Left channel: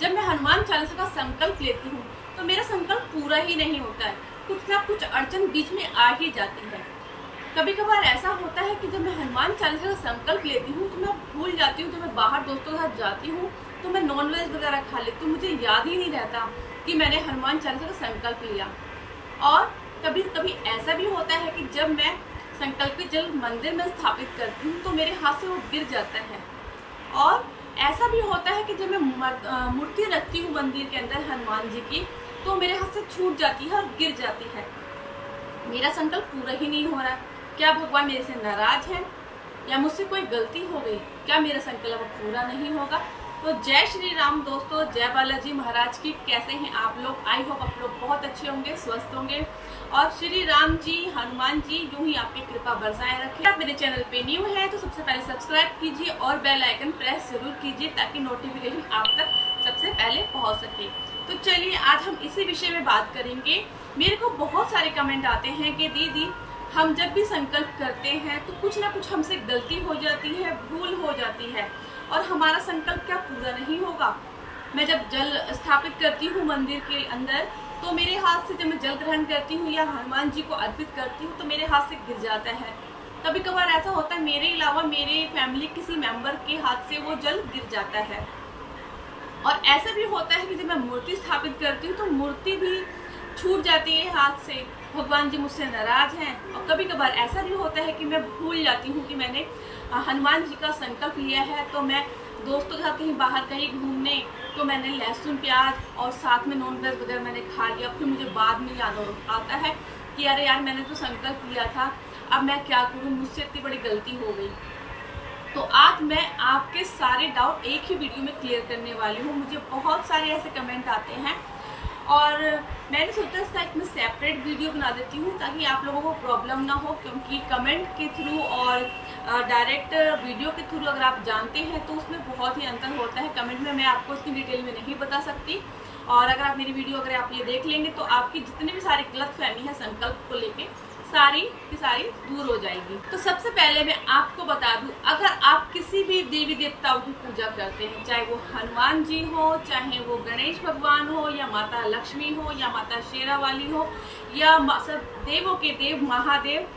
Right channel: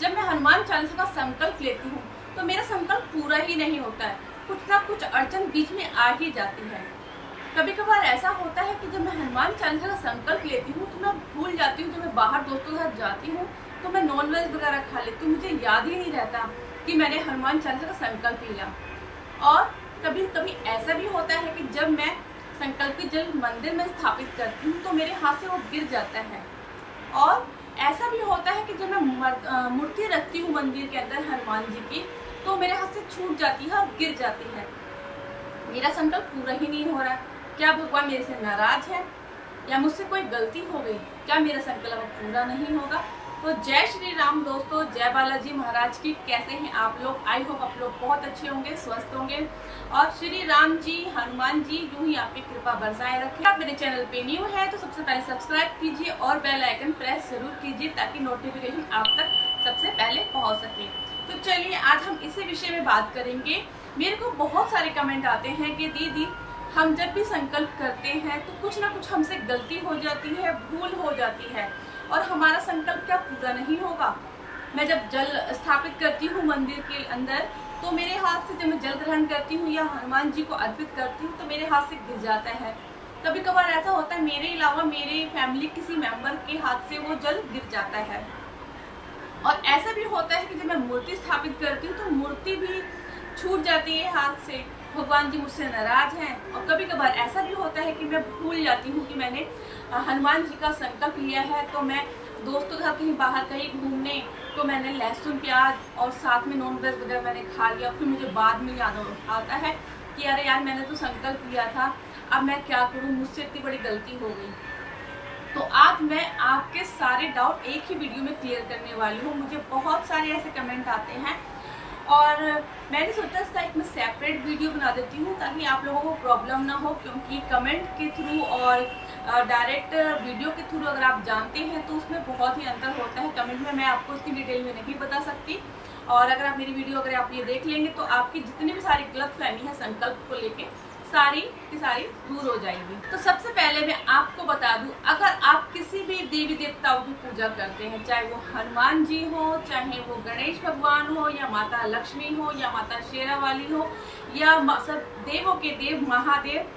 जब मैं हनुमान चालीसा का संकल्प लेती हूँ तो मेरा संकल्प पूरा ही नहीं होता है, कुछ ना कुछ अड़चन बीच में आ ही जाती है। कभी कभार ऐसा होता है कि जब मैं हनुमान चालीसा का संकल्प लेती हूँ तो मैं भूल जाती हूँ। जब मैं बाहर दोस्तों के साथ जाती हूँ तो मैं नॉनवेज वगैरह खा लेती हूँ, मुझे याद ही नहीं रहता कि मैंने हनुमान चालीसा का संकल्प लिया। और कभी कभी ऐसा भी होता है कि जब मैं संकल्पित जल मंदिर में स्थापित करती हूँ तो मेरे हाथ से वो गिर जाता है। और ऐसा भी होता है कि जब मैं मूर्ति रखती हूँ मंदिर के अंदर हनुमान जी की, तो मेरे हाथ से छूट जाती है और गिर जाती है। मेरा संकल्प पूरा ही नहीं हो रहा। क्या भगवान मेरे से नाराज है या मुझसे कोई गलती हो गई? क्या मेरा संकल्प पूरा नहीं होगा? तो जय श्री राम दोस्तों, जय बालाजी महाराज की। कैसे हैं आप लोग? आई होप आप लोग बहुत अच्छे होंगे, स्वस्थ होंगे और श्री राम जी हनुमान जी यूं ही आप पे कृपा बरसाए रखें। आप मेरे चैनल पे न्यू है तो सबसे पहले सब्सक्राइब कीजिए और बेल आइकन प्रेस जरूर कीजिए ताकि नोटिफिकेशन आप तक सबसे पहले पहुंच सके। तो चलिए आज हम इसी विषय में बात करेंगे। मेरे को बहुत सारे कमेंट आते हैं कि दीदी हम जब भी संकल्प करते हैं तो कुछ ना कुछ हमसे गलती हो जाती है, भूल हो जाती है और हमारा संकल्प क्या पूरा नहीं होगा। मैं जब जल स्थापित करती हूँ मंदिर के अंदर तो मेरे हाथ से, जब मैं जल ग्रहण करती हूँ या हनुमान जी को अर्पित करती हूँ तो मेरे हाथ से गिर जाता है। कभी कभार ऐसा होता है मेरे अलावा मेरे फैमिली किसी मेंबर के हाथ से वो जल गिर जाता है। और ऐसा भी होता है कि जब मैं मूर्ति स्थापित करती हूँ तो मूर्ति भी छूट जाती है हाथ से, भगवान जी मुझसे नाराज हैं। और कभी कभार ऐसा भी होता है कि मैं भूल जाती हूँ कि मैंने हनुमान जी का संकल्प लिया है। तो मैं दोस्तों के साथ कहीं बाहर कहीं घूमने तो मैंने लहसुन प्याज और साथ में नॉन वेज वगैरह मैंने खा लिया। फिर मुझे बाद में याद आता है कि अरे यार मैंने तो संकल्प लिया था, अब मैं क्या करूँ, मुझसे इतनी बड़ी गलती हो गई। तो आज मैं आपके सारे डाउट एक ही वीडियो में क्लियर करने वाली हूँ। मुझे बहुत सारे ऐसे कमेंट आते हैं और मैंने सोचा इसका एक मैं सेपरेट वीडियो बना देती हूँ ताकि आप लोगों को प्रॉब्लम ना हो, क्योंकि कमेंट के थ्रू और डायरेक्ट वीडियो के थ्रू अगर आप जानते हैं तो उसमें बहुत ही अंतर होता है। कमेंट में मैं आपको इतनी डिटेल में नहीं बता सकती और अगर आप मेरी वीडियो अगर आप ये देख लेंगे तो आपकी जितनी भी सारी गलतफहमी है संकल्प को लेके सारी की सारी दूर हो जाएगी। तो सबसे पहले मैं आपको बता दूं, अगर आप किसी भी देवी देवताओं की पूजा करते हैं, चाहे वो हनुमान जी हो, चाहे वो गणेश भगवान हो, या माता लक्ष्मी हो, या माता शेरा वाली हो, या सब देवों के देव महादेव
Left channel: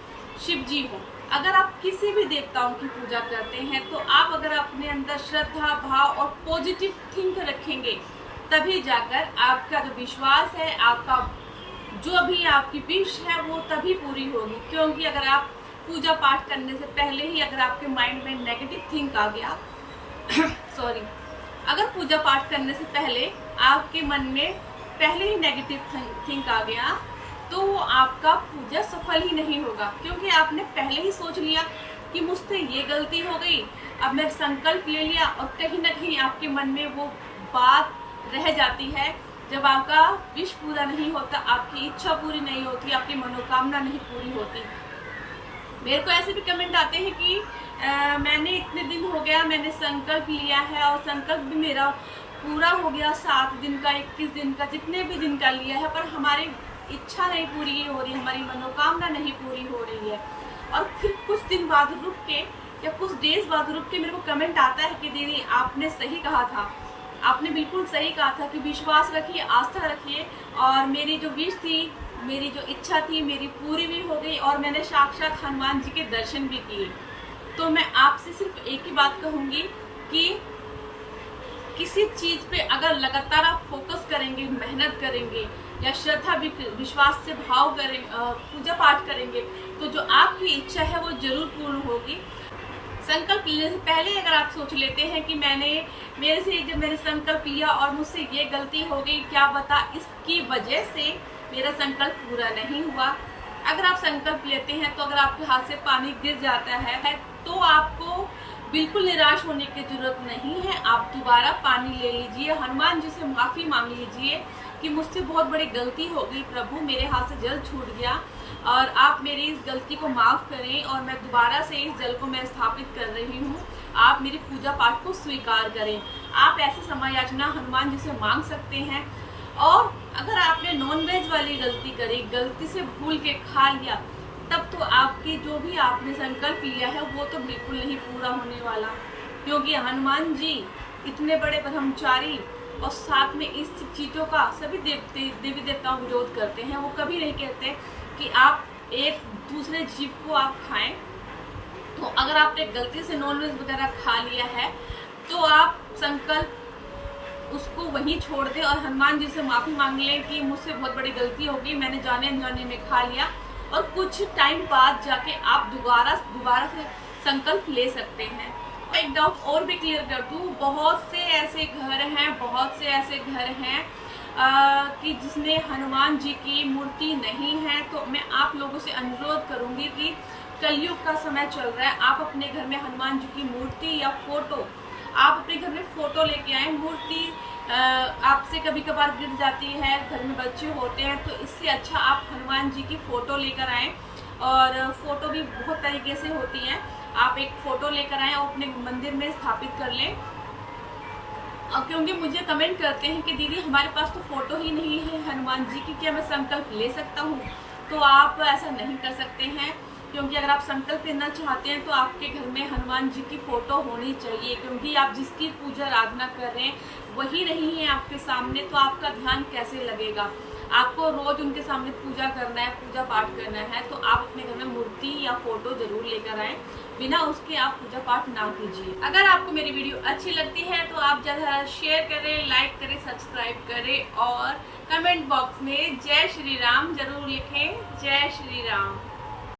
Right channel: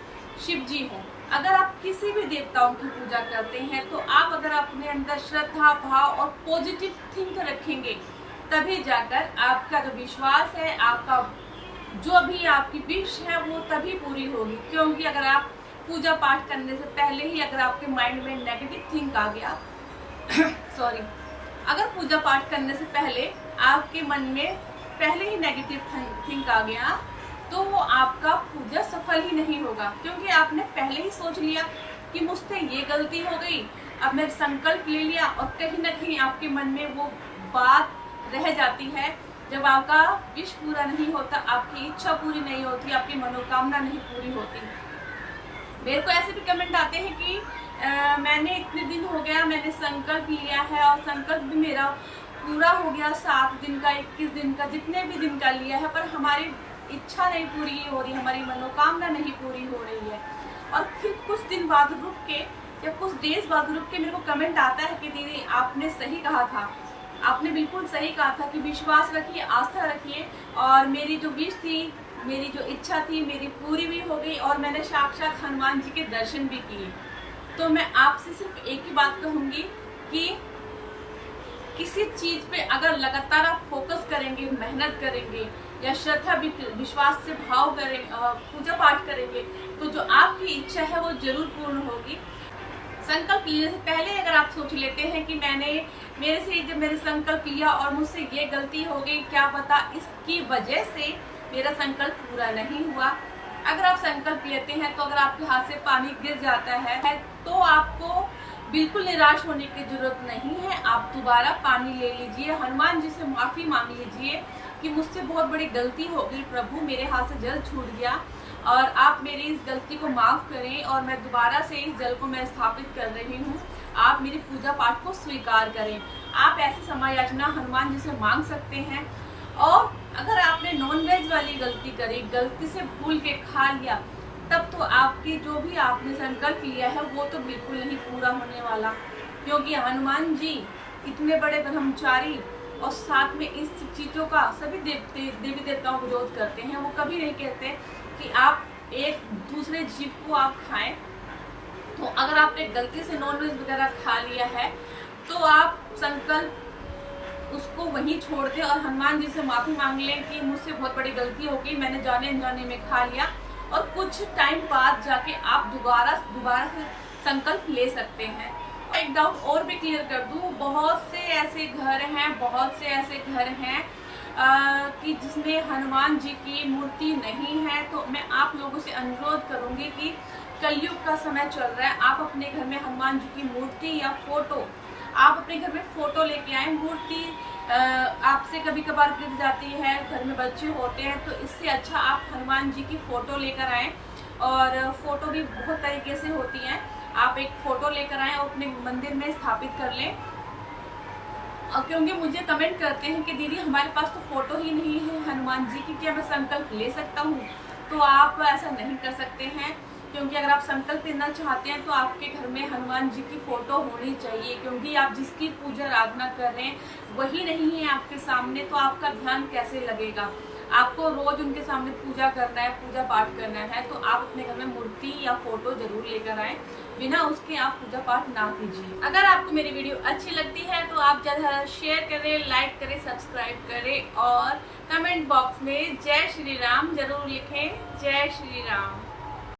शिव जी हो, अगर आप किसी भी देवताओं की पूजा करते हैं तो आप अगर अपने अंदर श्रद्धा भाव और पॉजिटिव थिंक रखेंगे तभी जाकर आपका जो विश्वास है, आपका जो भी आपकी विश है वो तभी पूरी होगी। क्योंकि अगर आप पूजा पाठ करने से पहले ही अगर आपके माइंड में नेगेटिव थिंक आ गया सॉरी, अगर पूजा पाठ करने से पहले आपके मन में पहले ही नेगेटिव थिंक आ गया तो वो आपका पूजा सफल ही नहीं होगा। क्योंकि आपने पहले ही सोच लिया कि मुझसे ये गलती हो गई, अब मैं संकल्प ले लिया और कहीं ना कहीं आपके मन में वो बात रह जाती है। जब आपका विश पूरा नहीं होता, आपकी इच्छा पूरी नहीं होती, आपकी मनोकामना नहीं पूरी होती। मेरे को ऐसे भी कमेंट आते हैं कि मैंने इतने दिन हो गया, मैंने संकल्प लिया है और संकल्प भी मेरा पूरा हो गया 7 दिन का, 21 दिन का, जितने भी दिन का लिया है, पर हमारी इच्छा नहीं पूरी हो रही, हमारी मनोकामना नहीं पूरी हो रही है। और फिर कुछ दिन बाद रुक के या कुछ डेज बाद रुक के मेरे को कमेंट आता है कि दीदी आपने सही कहा था, आपने बिल्कुल सही कहा था कि विश्वास रखिए, आस्था रखिए और मेरी जो विश थी, मेरी जो इच्छा थी, मेरी पूरी भी हो गई और मैंने साक्षात हनुमान जी के दर्शन भी किए। तो मैं आपसे सिर्फ एक ही बात कहूँगी कि किसी चीज़ पे अगर लगातार आप फोकस करेंगे, मेहनत करेंगे या श्रद्धा विश्वास से भाव करें, पूजा पाठ करेंगे तो जो आपकी इच्छा है वो जरूर पूर्ण होगी। संकल्प लेने से पहले अगर आप सोच लेते हैं कि मेरे से जब मैंने संकल्प लिया और मुझसे ये गलती हो गई, क्या पता इसकी वजह से मेरा संकल्प पूरा नहीं हुआ। अगर आप संकल्प लेते हैं तो अगर आपके हाथ से पानी गिर जाता है तो आपको बिल्कुल निराश होने की जरूरत नहीं है। आप दोबारा पानी ले लीजिए, हनुमान जी से माफ़ी मांग लीजिए कि मुझसे बहुत बड़ी गलती हो गई प्रभु, मेरे हाथ से जल छूट गया और आप मेरी इस गलती को माफ़ करें और मैं दोबारा से इस जल को मैं स्थापित कर रही हूँ, आप मेरी पूजा पाठ को स्वीकार करें। आप ऐसे समय याचना हनुमान जी से मांग सकते हैं। और अगर आपने नॉन वेज वाली गलती करी, गलती से भूल के खा लिया, तब तो आपकी जो भी आपने संकल्प लिया है वो तो बिल्कुल नहीं पूरा होने वाला। क्योंकि हनुमान जी इतने बड़े ब्रह्मचारी और साथ में इस चीज़ों का सभी देवी देवताओं विरोध करते हैं। वो कभी नहीं कहते कि आप एक दूसरे जीव को आप खाएं। तो अगर आपने गलती से नॉनवेज वगैरह खा लिया है तो आप संकल्प उसको वहीं छोड़ दें और हनुमान जी से माफ़ी मांग लें कि मुझसे बहुत बड़ी गलती हो गई, मैंने जाने अनजाने में खा लिया। और कुछ टाइम बाद जाके आप दोबारा से संकल्प ले सकते हैं। एक डाउट और भी क्लियर कर दूं, बहुत से ऐसे घर हैं कि जिसमें हनुमान जी की मूर्ति नहीं है। तो मैं आप लोगों से अनुरोध करूंगी कि कलयुग का समय चल रहा है, आप अपने घर में हनुमान जी की मूर्ति या फोटो, आप अपने घर में फोटो लेके आए। मूर्ति आपसे कभी कभार गिर जाती है, घर में बच्चे होते हैं, तो इससे अच्छा आप हनुमान जी की फ़ोटो लेकर आएँ। और फ़ोटो भी बहुत तरीके से होती हैं, आप एक फ़ोटो लेकर आएँ और अपने मंदिर में स्थापित कर लें। क्योंकि मुझे कमेंट करते हैं कि दीदी हमारे पास तो फ़ोटो ही नहीं है हनुमान जी की, क्या मैं संकल्प ले सकता हूँ? तो आप ऐसा नहीं कर सकते हैं, क्योंकि अगर आप संकल्प लेना चाहते हैं तो आपके घर में हनुमान जी की फ़ोटो होनी चाहिए। क्योंकि आप जिसकी पूजा आराधना कर रहे हैं वही नहीं है आपके सामने, तो आपका ध्यान कैसे लगेगा? आपको रोज़ उनके सामने पूजा करना है, पूजा पाठ करना है, तो आप अपने घर में मूर्ति या फ़ोटो ज़रूर लेकर आएँ, बिना उसके आप पूजा पाठ ना कीजिए। अगर आपको मेरी वीडियो अच्छी लगती है तो आप ज़्यादा शेयर करें, लाइक करें, सब्सक्राइब करें और कमेंट बॉक्स में जय श्री राम ज़रूर लिखें। जय श्री राम।